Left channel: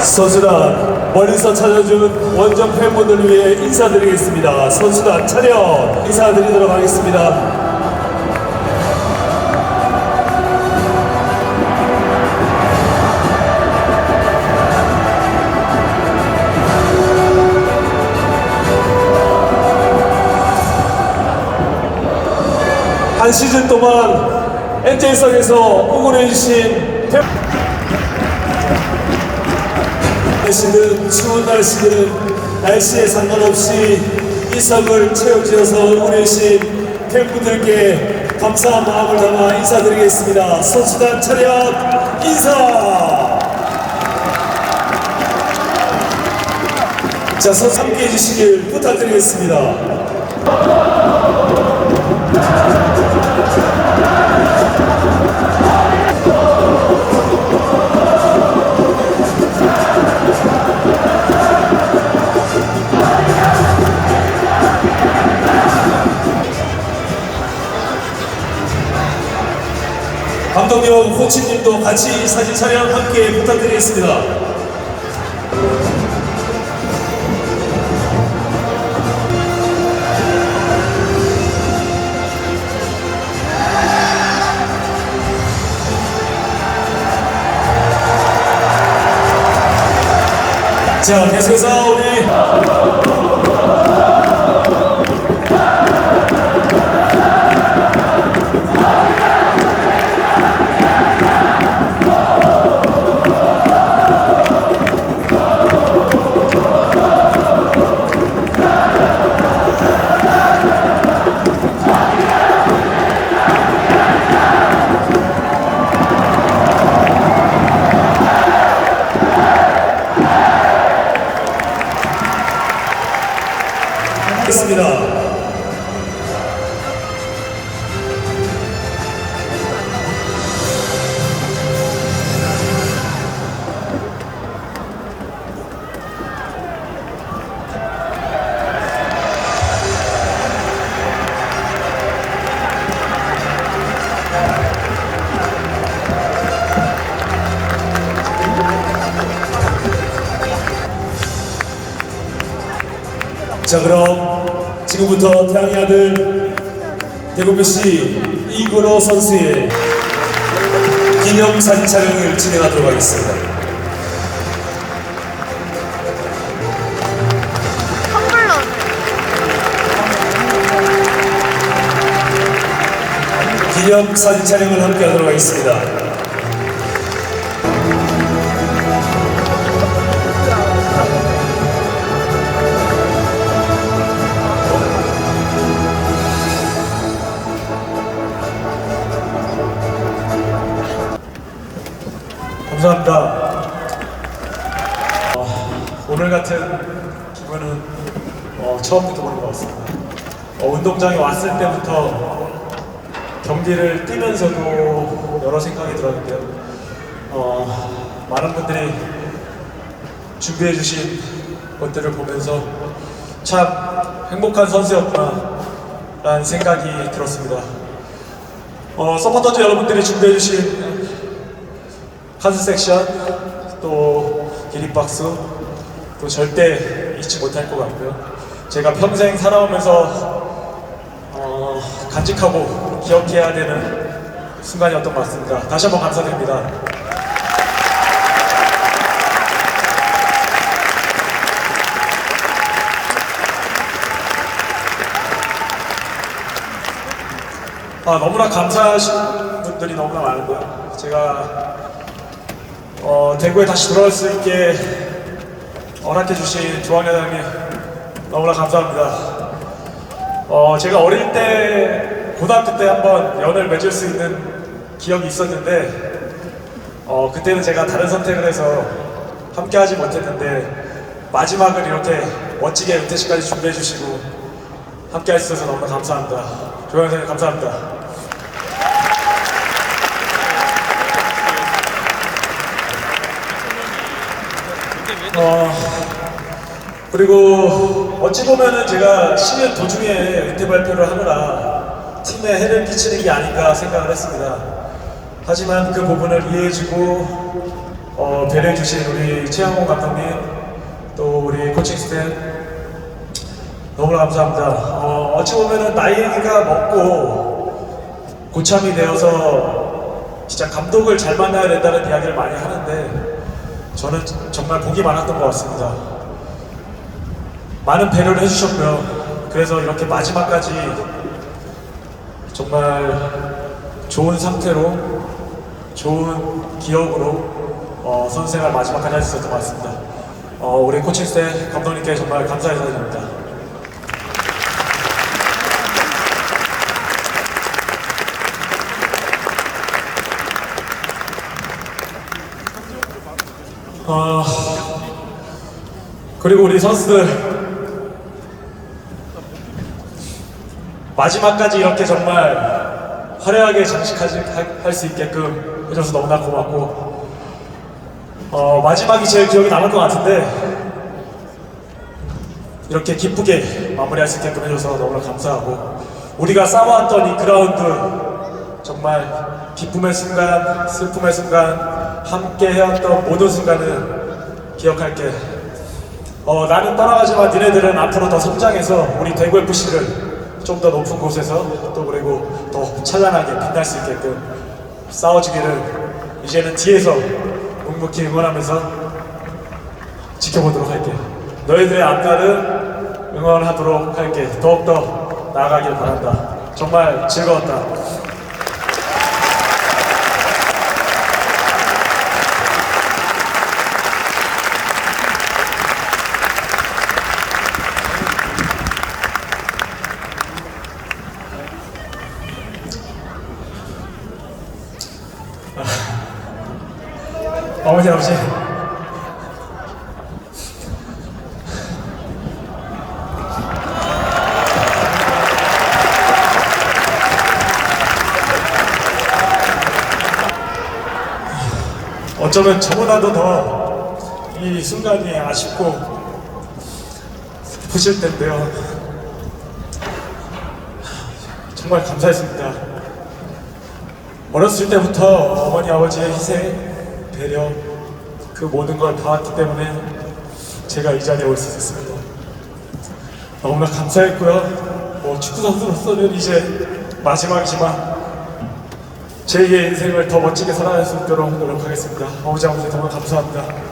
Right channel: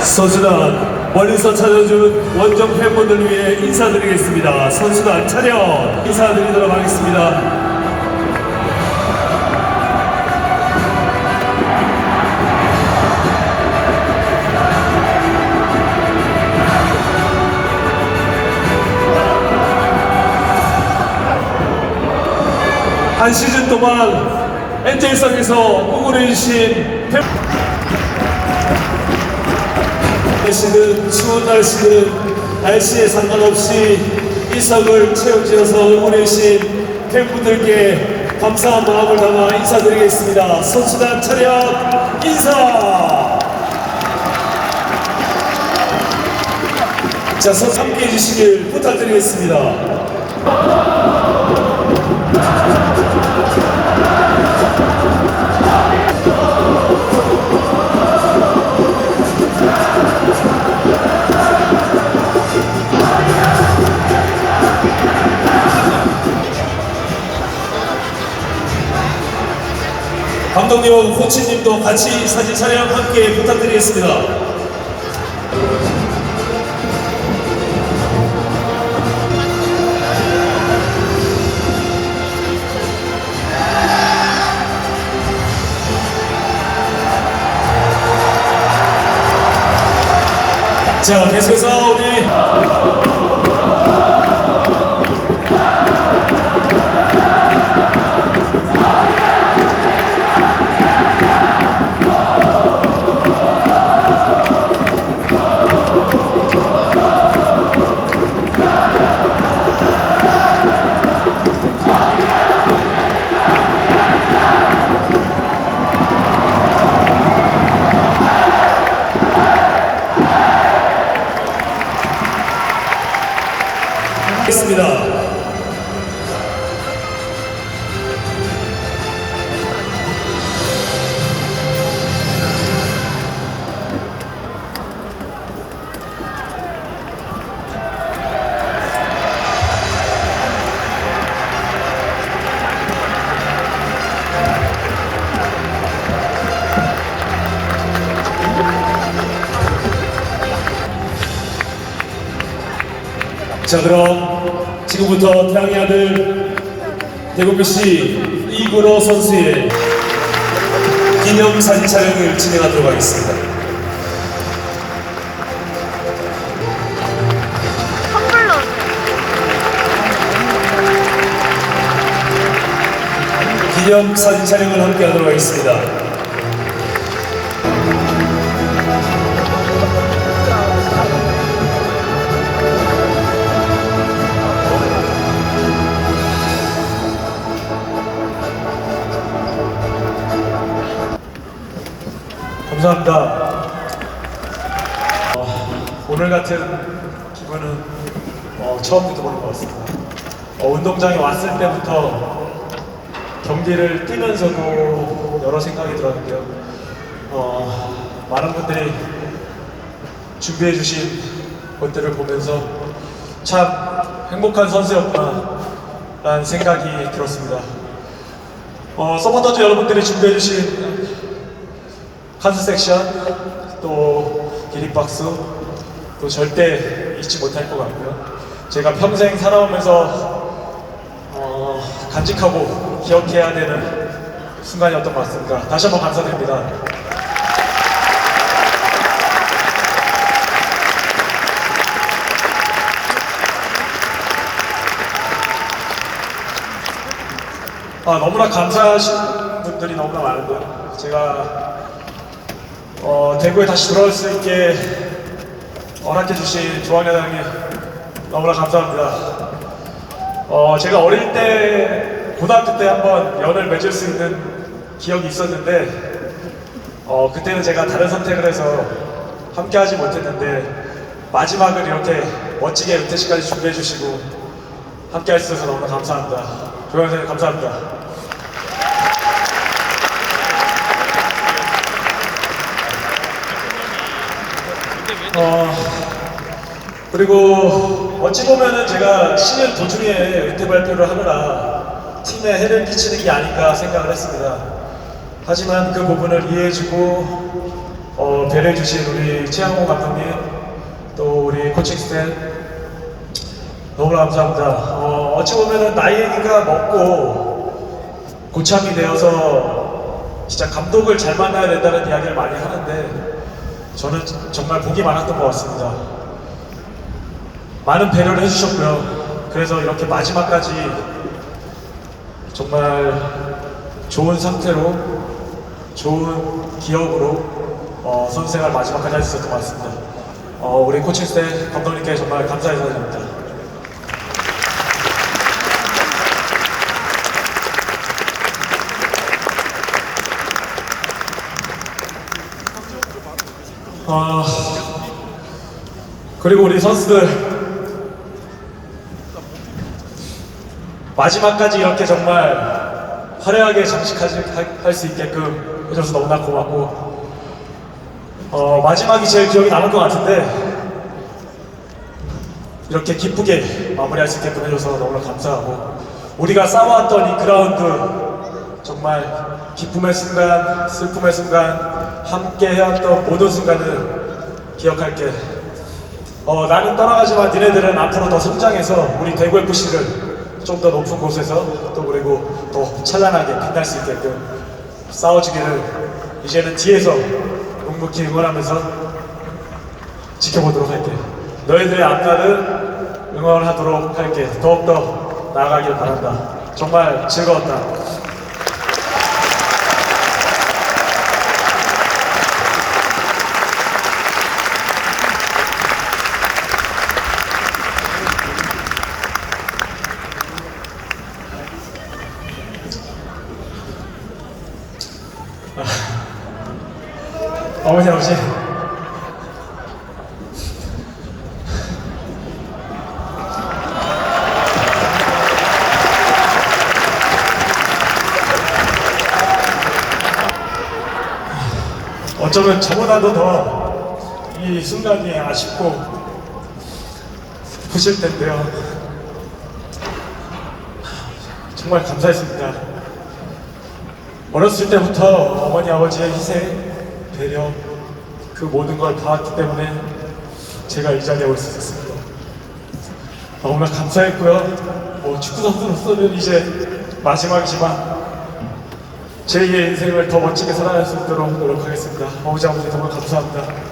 선수단 멀리서 찾아준 원정 팬분들 위해 인사드리겠습니다. 선수단 차렷 인사드리도록 하겠습니다. 한 시즌 동안 엔젤성에서 응원해주신 팬 날씨는 추운 날씨는 날씨에 상관없이 이성을 채워주셔서 응원해주신 팬분들께 감사한 마음을 담아 인사드리겠습니다. 선수단 차렷 인사! 자, 선수 함께 해주시길 부탁드리겠습니다. 감독님, 코치님도 같이 사진 촬영 함께 부탁드리겠습니다. 자, 계속해서 하겠습니다. 자 그럼 지금부터 태양의 아들 대구시 이근호 선수의 기념사진 촬영을 진행하도록 하겠습니다. 텀블러 기념사진 촬영을 함께 하도록 하겠습니다. 같은 기분은 어, 처음부터 보는 것 같습니다. 어, 운동장에 왔을 때부터 경기를 뛰면서도 여러 생각이 들었는데요. 어, 많은 분들이 준비해 주신 것들을 보면서 참 행복한 선수였구나 라는 생각이 들었습니다. 어, 서포터즈 여러분들이 준비해 주신 카드 섹션 또 기립박수 또 절대 잊지 못할 것 같고요. 제가 평생 살아오면서 어, 간직하고 기억해야 되는 순간이었던 것 같습니다. 다시 한번 감사드립니다. 아, 너무나 감사하신 분들이 너무나 많고요. 제가 어, 대구에 다시 들어올 수 있게 허락해 주신 조한 회장님 너무나 감사합니다. 어, 제가 어릴 때 고등학교 때 한번 연을 맺을 수 있는 기억이 있었는데 어, 그때는 제가 다른 선택을 해서 함께하지 못했는데 마지막을 이렇게 멋지게 은퇴식까지 준비해 주시고 함께할 수 있어서 너무나 감사합니다. 회장님 감사합니다. 어, 그리고 어찌 보면은 제가 시즌 도중에 은퇴 발표를 하느라 팀에 해를 끼치는 게 아닌가 생각을 했습니다. 하지만 그 부분을 이해해주고 어, 배려해주신 우리 최양호 감독님, 또 우리 코칭 스텝, 너무나 감사합니다. 어, 어찌 보면은 나이가 먹고 고참이 되어서 진짜 감독을 잘 만나야 된다는 이야기를 많이 하는데 저는 정말 복이 많았던 것 같습니다. 많은 배려를 해주셨고요. 그래서 이렇게 마지막까지 정말 좋은 상태로 좋은 기억으로 어, 선생활 마지막까지 있었던 것 같습니다. 어, 우리 코칭 스텝 감독님께 정말 감사의 인사드립니다. 아, 그리고 우리 선수들 마지막까지 이렇게 정말 화려하게 장식할 수 있게끔 해줘서 너무나 고맙고 어, 마지막이 제일 기억이 남을 것 같은데 이렇게 기쁘게 마무리할 수 있게끔 해줘서 너무나 감사하고 우리가 싸워왔던 이 그라운드 정말 기쁨의 순간, 슬픔의 순간 함께 해왔던 모든 순간을 기억할게. 어, 나는 떠나가지만 니네들은 앞으로 더 성장해서 우리 대구 FC를 좀 더 높은 곳에서 또 그리고 더 찬란하게 빛날 수 있게끔 싸워주기를 이제는 뒤에서 묵묵히 응원하면서 지켜보도록 할게. 너희들의 앞날을 응원하도록 할게. 더욱더 나아가길 바란다. 정말 즐거웠다. 어머니 아버지. 어쩌면 저보다도 더 이 순간이 아쉽고 슬프실 텐데요. 정말 감사했습니다. 어렸을 때부터 어머니 아버지의 희생, 배려 그 모든 걸 봐왔기 때문에 제가 이 자리에 올 수 있었습니다. 너무나 감사했고요. 뭐 축구 선수로서는 이제 마지막이지만 제2의 인생을 더 멋지게 살아갈 수 있도록 노력하겠습니다. 아버지 아버지 정말 감사합니다.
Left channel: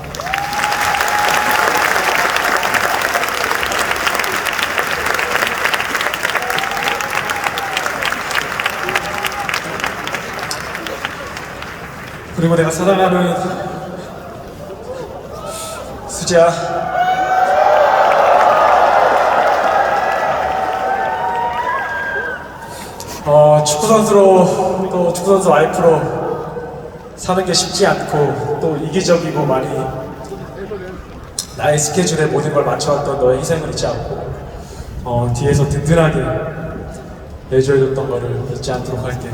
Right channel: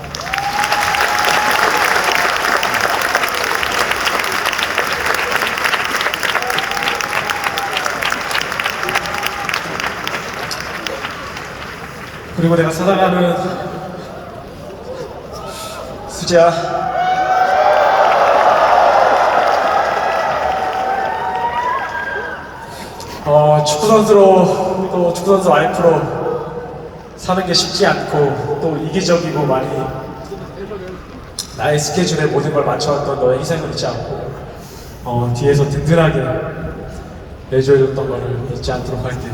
그리고 내가 사랑하는 수지야 어, 축구 선수로 또 축구 선수 와이프로 사는 게 쉽지 않고 또 이기적이고 많이 나의 스케줄에 모든 걸 맞춰왔던 너의 희생을 잊지 않고 어, 뒤에서 든든하게 내줘줬던 거를 잊지 않도록 할게.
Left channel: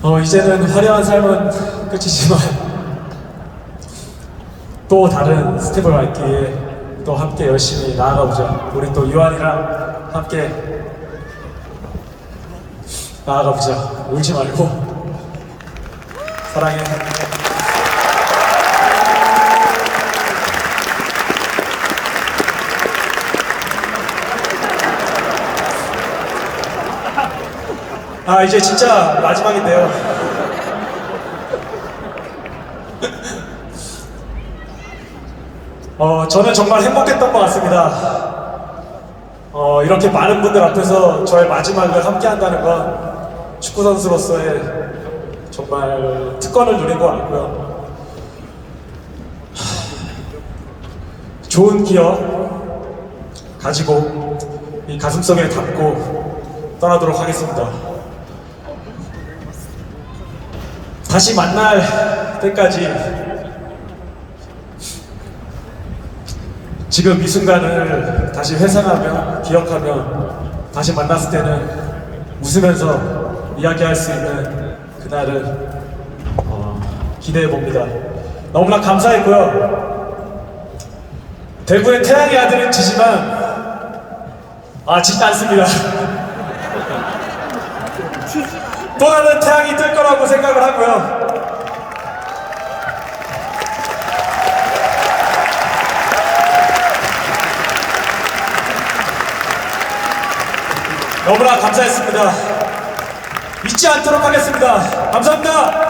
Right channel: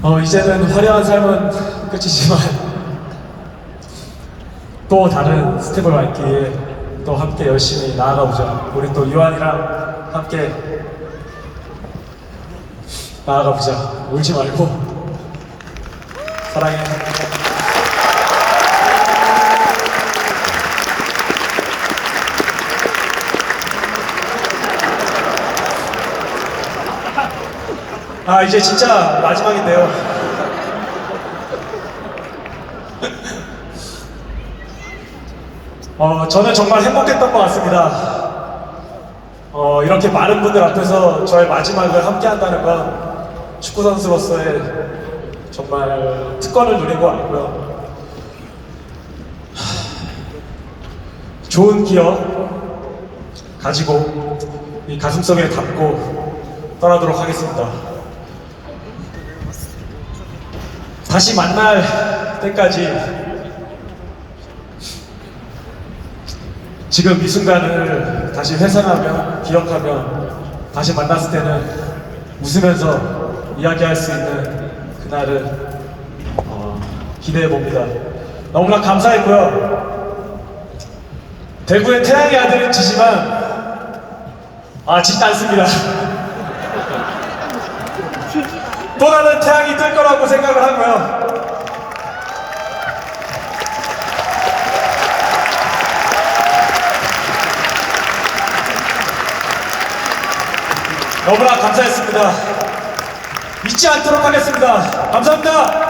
어, 이제는 화려한 삶은 끝이지만 또 다른 스텝을 밟기 위해 또 함께 열심히 나아가보자. 우리 또 유한이랑 함께 나아가보자. 울지 말고 사랑해. 아 이제 진짜 마지막인데요. 어 저는 정말 행복했던 것 같습니다. 어 이렇게 많은 분들 앞에서 저의 마지막을 함께한다는 건 축구 선수로서의 정말 특권을 누린 것 같고요. 하, 좋은 기억 가지고 이 가슴속에 담고 떠나도록 하겠습니다. 다시 만날 때까지 지금 이 순간을 다시 회상하며 기억하며 다시 만났을 때는 웃으면서 이야기할 수 있는 그날을 어, 기대해 봅니다. 너무나 감사했고요. 대구의 태양의 아들은 지지만 아 지지 않습니다. 또 다른 태양이 뜰 거라고 생각을 하고요. 너무나 감사했습니다. 잊지 않도록 하겠습니다. 감사합니다.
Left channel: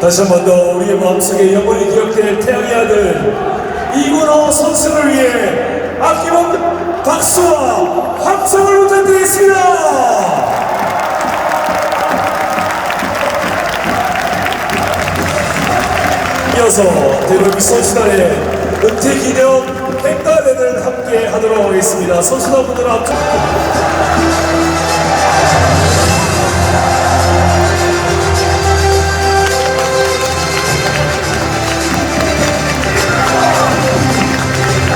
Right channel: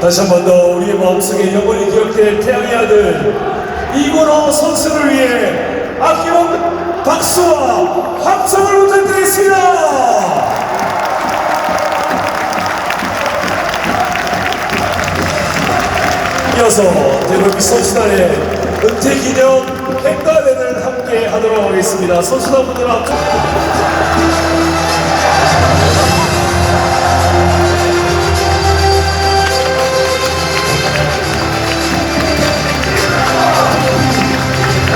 다시 한 번 더 우리의 마음속에 영원히 기억될 태양의 아들 이건호 선수를 위해 아낌없는 박수와 함성을 부탁드리겠습니다. 이어서 대구 소수단의 은퇴 기념 행가회를 함께 하도록 하겠습니다. 소수단 분들 앞